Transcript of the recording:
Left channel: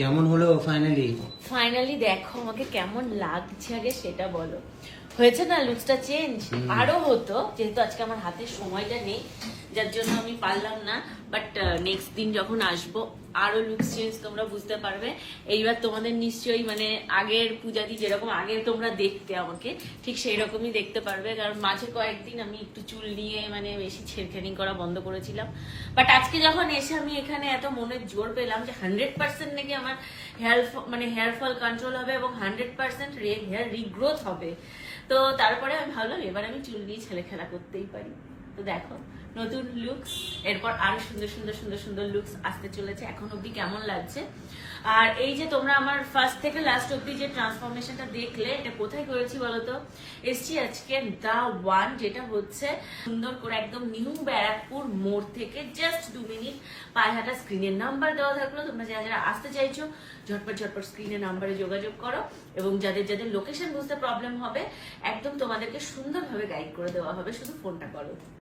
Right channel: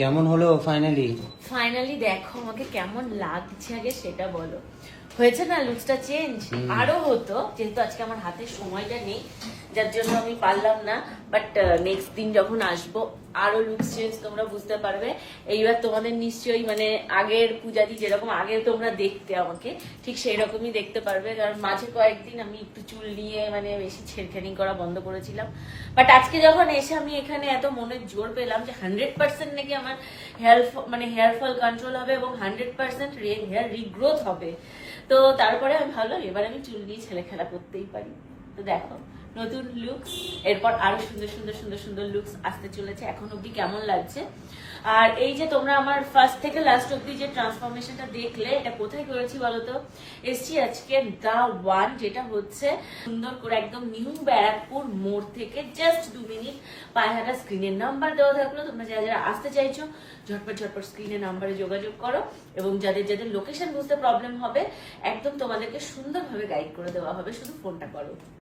কেমন হলো finally? Finally দেখো আমাকে কেমন লাগছে আগে সেটা বলো। হয়েছে না লুকসটা চেঞ্জ? আরো হতো, যেহেতু আজকে আমার হাতে সময়টা নেই যার জন্য আমি পারলাম না। বাট নেক্সট দিন যখন আসবো আরো লুকস চেঞ্জ তোমরা বুঝতে পারবে। এইবার তোমাদের নিশ্চয়ই মানে আগের পূজাদি যেরকম আগে তোমরা দেখতে আমাকে, ঠিক সেই রকমই দেখতে পারবে। কারণ মাঝে কয়েকদিন আমি একটু চুল নিয়ে মানে বেশি ছেড়খানি করা বন্ধ করেছিলাম। বাট আজকে যখন এসে আমি এখানে এত মনের জোর পেলাম যে 100% নাকি আমার হেয়ার ফল কন্ট্রোল হবে এবং 100% হেয়ার রিগ্রোথ হবে, তো তারপরে আমি ভাবলাম এবার আমি চুল নিয়ে ছেলে খেলা করতেই পারি। তো দেখো নতুন লুকস, এরপর আরো সুন্দর সুন্দর সুন্দর সুন্দর লুকস আসতে চলেছে। এখন অব্দি কেমন লাগছে? আর এই যে তোমরা আমার ফার্স্ট থেকে লাস্ট অব্দি যে ট্রান্সফরমেশনটা দেখলে, এটা কোথায় করেছি বলতো? এসছি আজকে দা ওয়ান, যেটা হচ্ছে সুন্দর করে একদম নিউ ব্যারাকপুর মোড় থেকে জাস্ট 2 মিনিট পায়ে হাঁটা। স্ক্রিনের নাম্বার দেওয়া থাকলো, তোমরা যারা যারা আসতে চাইছো ঝটপট ঝটপট স্ক্রিনের নাম্বারে যোগাযোগ করো। এবং যাদের যাদের লোকেশন বুঝতে প্রবলেম হবে একদম তোমাদেরকে সুন্দরভাবে গাইড করে দেওয়া হবে, শুধু ফোনটা করো।